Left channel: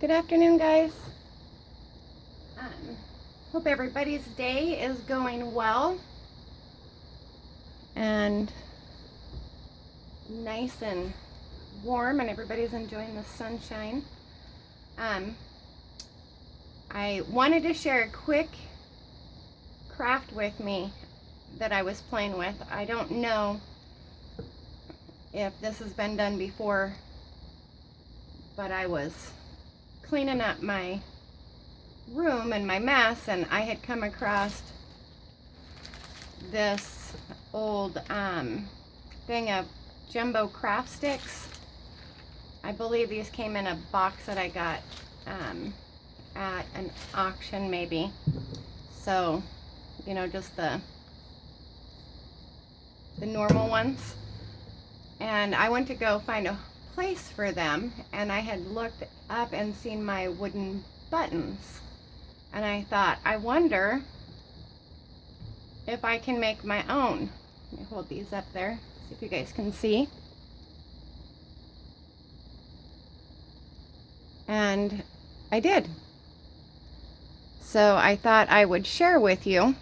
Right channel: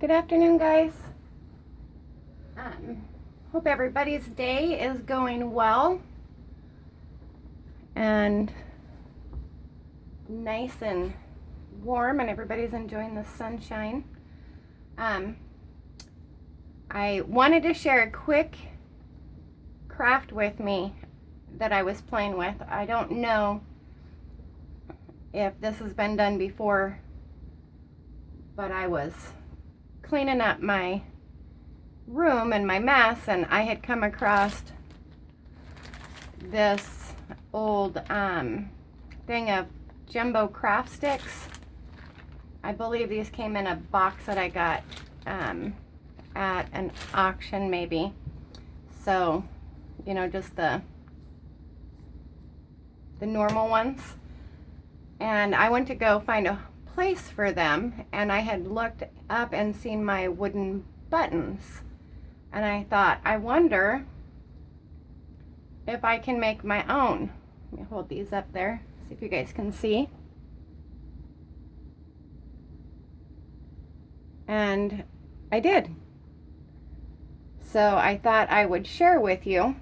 Good afternoon, guys. Hope everybody's day is going well and nice and warm, and everybody's enjoying the sunshine. I wanted to share a quick craft with me that I was playing with. I don't know if this has been done before, but I was cleaning up my room and my mess, and I had come across this old thing of jumbo craft sticks. I believe these came in a box that I got at an auction, maybe. So, you know, just the normal ones. And I went to go find a place for them, and I had looked up and seen my wooden buttons, and I thought, I wonder if I can make my own. Let me hold these up there, see if you guys can see. And I did. So I thought I would share with you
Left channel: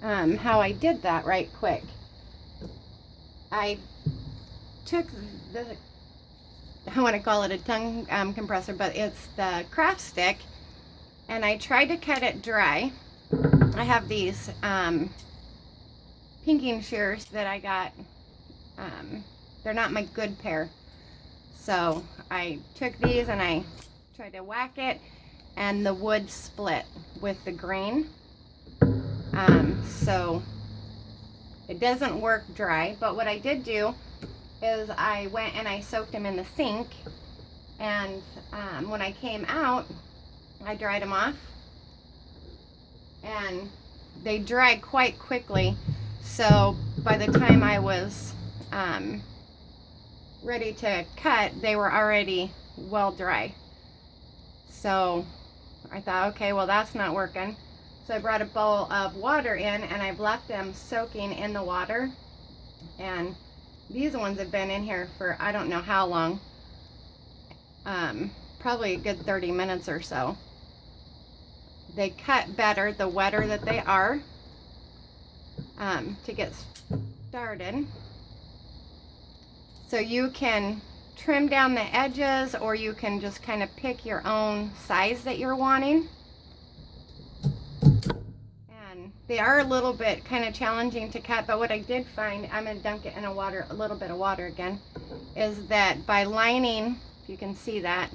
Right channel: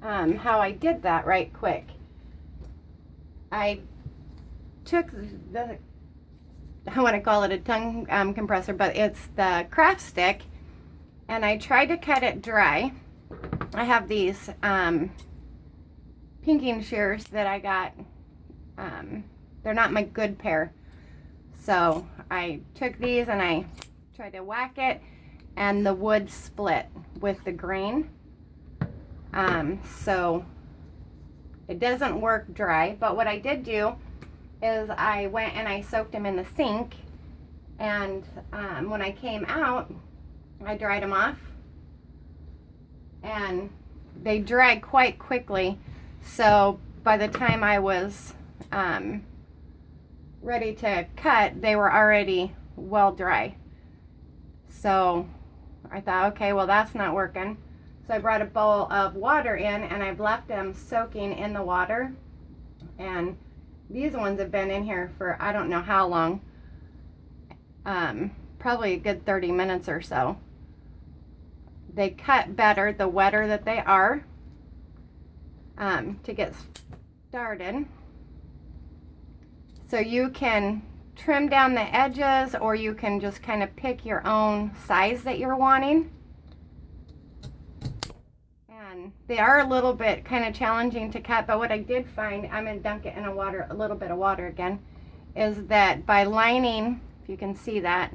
how I did that right quick. I took the, I want to call it a tongue compressor, but it's the craft stick, and I tried to cut it dry. I have these pinking shears that I got. They're not my good pair. So I took these and I tried to whack it, and the wood split with the grain. So it doesn't work dry, but what I did do is I went and I soaked them in the sink, and when I came out, I dried them off, and they dried quite quickly. So by the time I was ready to cut, they were already well dry. So I thought, okay, well, that's not working. So I brought a bowl of water in, and I've left them soaking in the water, and these ones have been in here for I don't know how long, probably a good 30 minutes or so. They cut better the wetter that they are. To get started, so you can trim down the edges, or you can just kind of pick your own size that you're wanting. And they are a little bit kind of challenging to cut, but what I did find, I'm going to dunk it in a little bit of water again, is that by lining, if you can see that,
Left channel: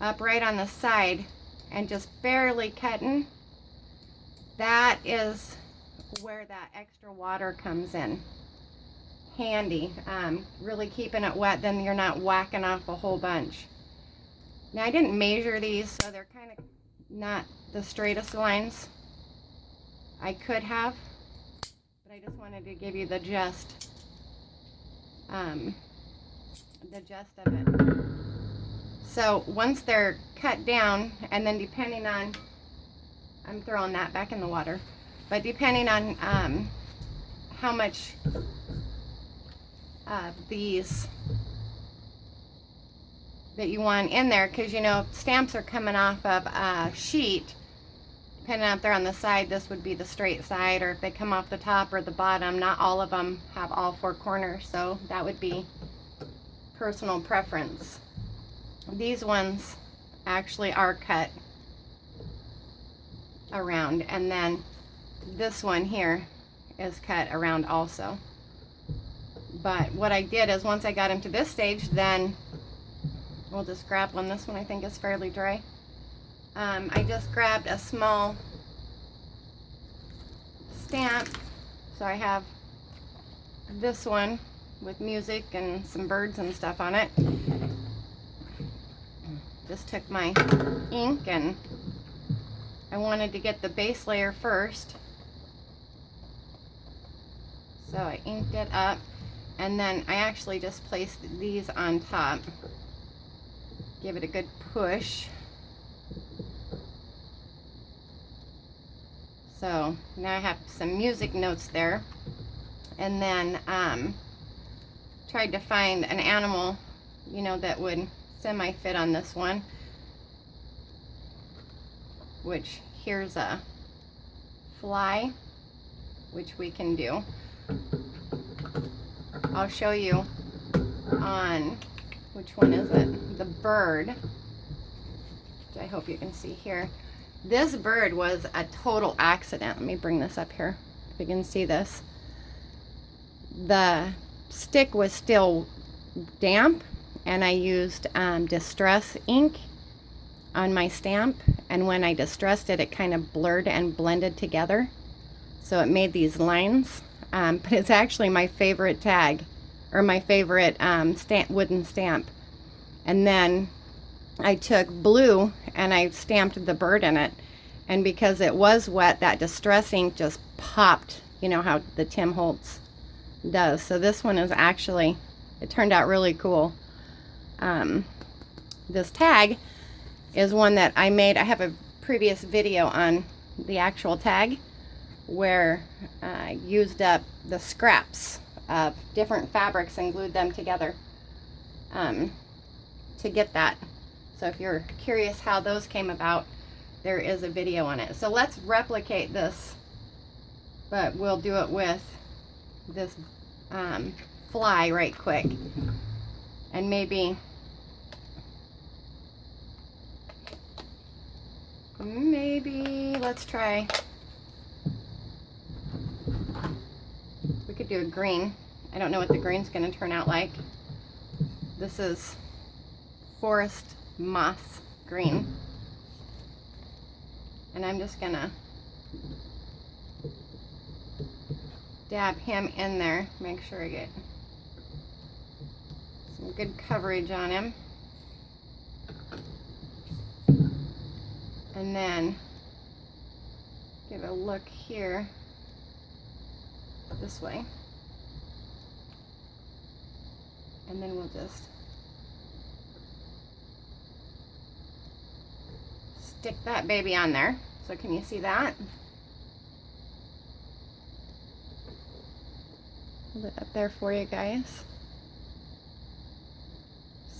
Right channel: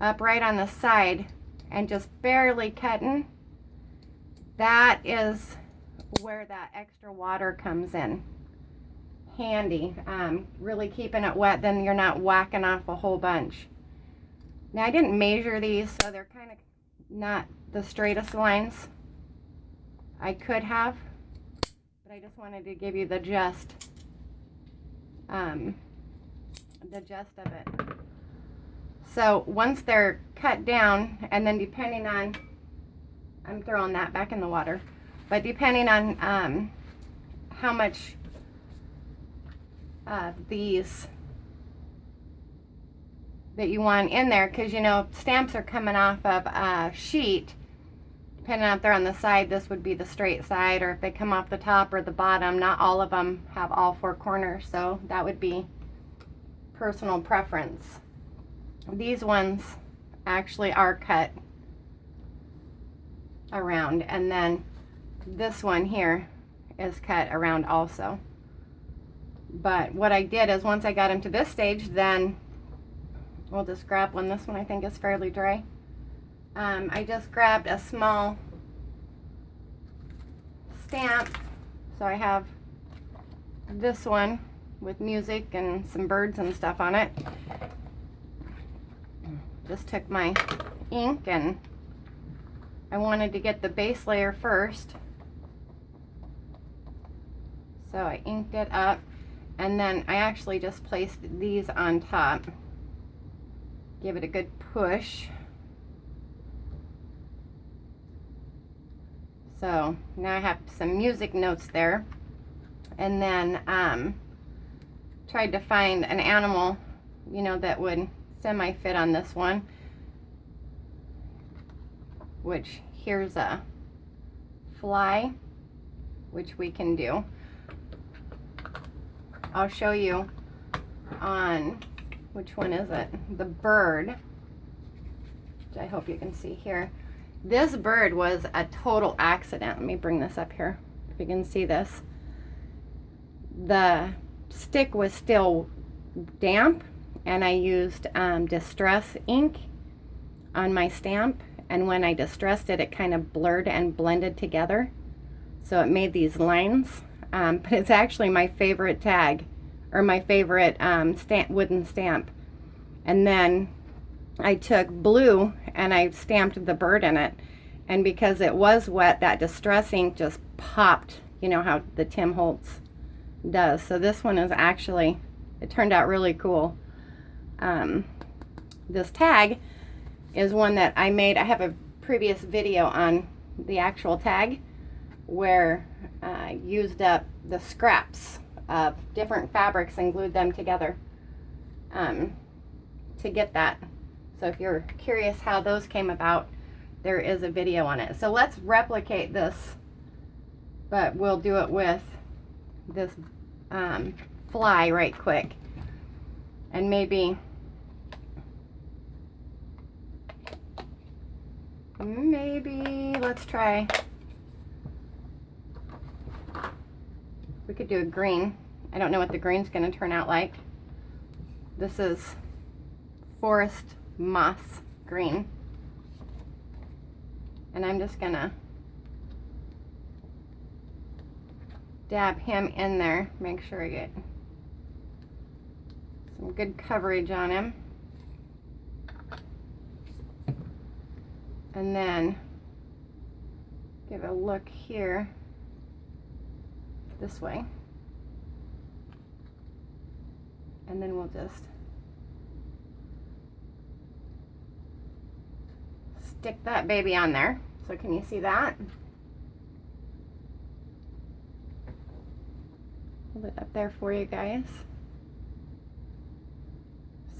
up right on the side and just barely cutting, that is where that extra water comes in handy. Really keeping it wet, then you're not whacking off a whole bunch. Now, I didn't measure these, so they're kind of not the straightest lines I could have, but I just wanted to give you the gist of it. So once they're cut down, and then depending on, I'm throwing that back in the water, but depending on how much these that you want in there, because you know stamps are coming off of a sheet. Depending on if they're on the side, this would be the straight side, or if they come off the top or the bottom. Not all of them have all four corners, so that would be personal preference. These ones actually are cut around, and then this one here is cut around also. But what I did is, once I got into this stage, then we'll just grab one. This one I think is fairly dry. I just grabbed a small stamp. So I have this one with music and some birds and stuff on it. Just took my ink, and I wanted to get the base layer first. So I inked it up, and then I actually just placed these on top. Give it a good push. So now I have some music notes there. And then tried to find an animal, you know, that would semi-fit on this one, which here's a fly, which we can do. I'll show you on, which one is it? The bird, which I hope you can see here. This bird was a total accident. Let me bring this up here, if you can see this. The stick was still damp, and I used Distress ink on my stamp, and when I distressed it, it kind of blurred and blended together, so it made these lines. But it's actually my favorite tag, or my favorite wooden stamp. And then I took blue and I stamped the bird in it, and because it was wet, that Distress ink just popped, you know how the Tim Holtz does. So this one is actually, it turned out really cool. This tag is one that I made. I have a previous video on the actual tag where I used up the scraps of different fabrics and glued them together to get that. So if you're curious how those came about, there is a video on it. So let's replicate this, but we'll do it with this fly right quick. And maybe let's try, we could do a green. I don't know what the green's going to turn out like. This is Forest Moss green, and I'm just gonna dab him in there, make sure I get some good coverage on him. And then give a look here this way, and then we'll just stick that baby on there. So can you see that? Hold it up there for you guys.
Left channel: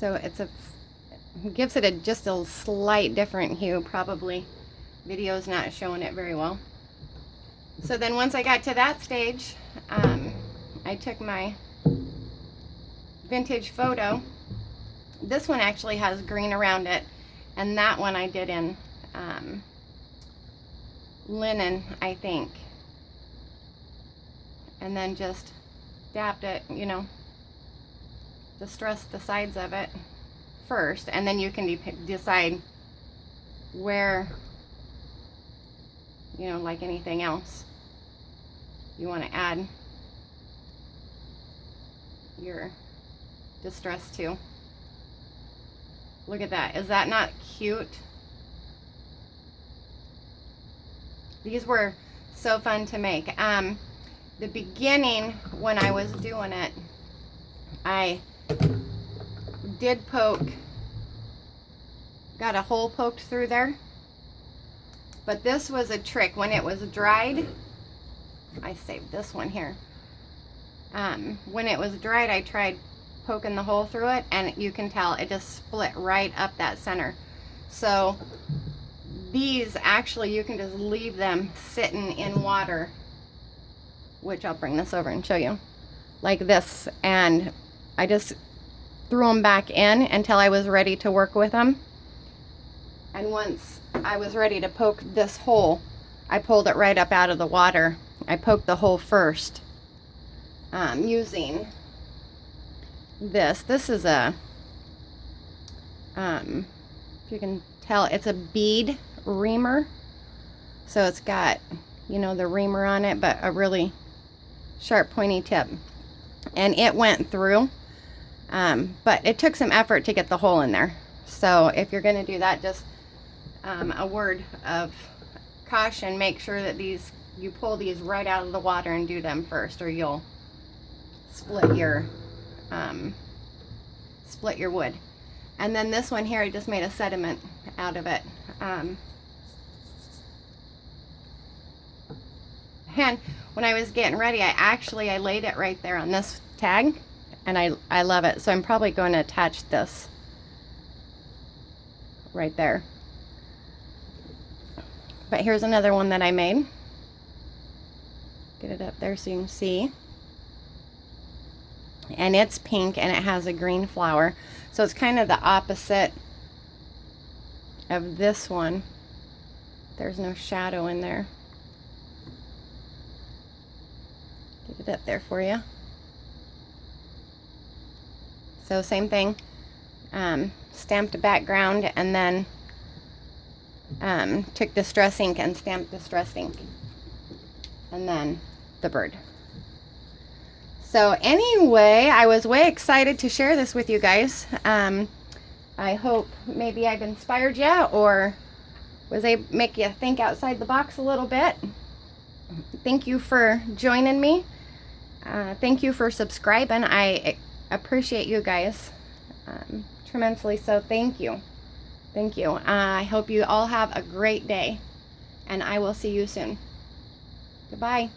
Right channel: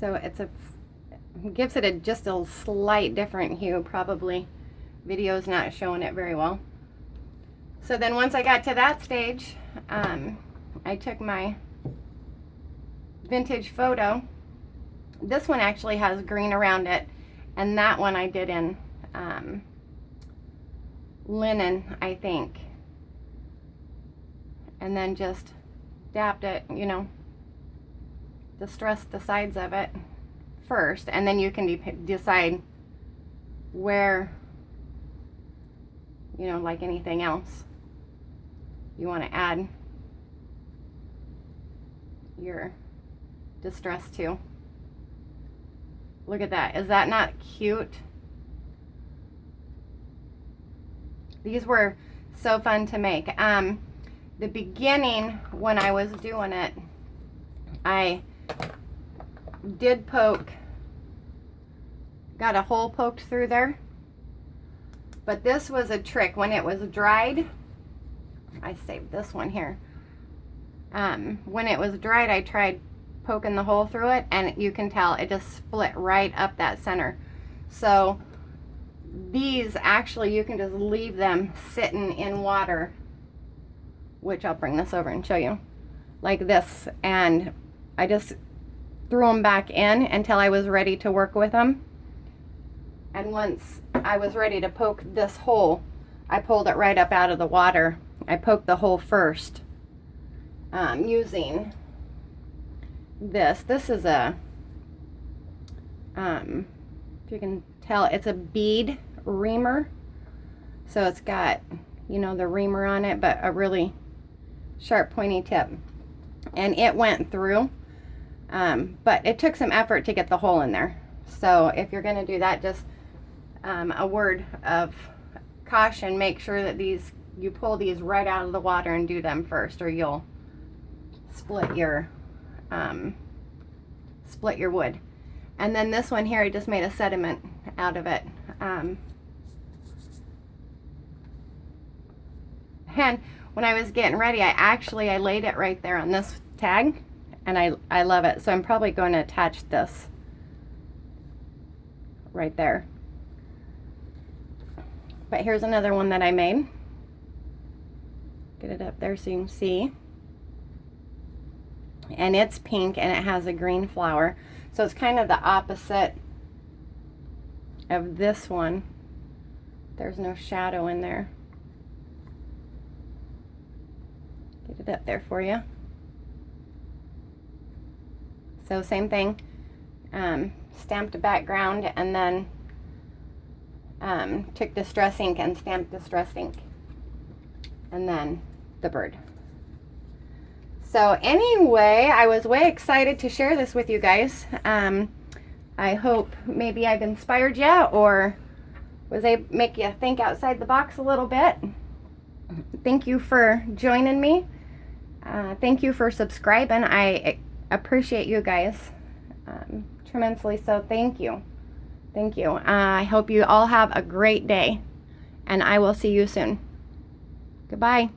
So it gives it just a slight different hue. Probably video's not showing it very well. So then once I got to that stage, I took my vintage photo. This one actually has green around it, and that one I did in linen, I think. And then just dabbed it, you know, distressed the sides of it first, and then you can decide where, you know, like anything else, you want to add your distress to. Look at that. Is that not cute? These were so fun to make. The beginning, when I was doing it, I did got a hole poked through there. But this was a trick. When it was dried, I saved this one here. When it was dried, I tried poking the hole through it, and you can tell it just split right up that center. So these actually, you can just leave them sitting in water, which I'll bring this over and show you, like this, and I just threw them back in until I was ready to work with them. And once I was ready to poke this hole, I pulled it right up out of the water. I poked the hole first using this. This is a, if you can tell, it's a bead reamer. So it's got, you know, the reamer on it, but a really sharp pointy tip. And it went through, but it took some effort to get the hole in there. So if you're going to do that, just a word of caution, make sure that you pull these right out of the water and do them first, or you'll split your wood. And then this one here, I just made a sediment out of it. And when I was getting ready, I laid it right there on this tag, and I love it. So I'm probably going to attach this right there. But here's another one that I made. Get it up there so you can see. And it's pink and it has a green flower. So it's kind of the opposite of this one. There's no shadow in there. Get it up there for you. So same thing. Stamped a background and then took Distress ink and stamped Distress ink. And then the bird. So anyway, I was way excited to share this with you guys. I hope maybe I've inspired you or was able to make you think outside the box a little bit. Thank you for joining me. Thank you for subscribing. I appreciate you guys tremendously. So thank you. Thank you. I hope you all have a great day and I will see you soon. Goodbye.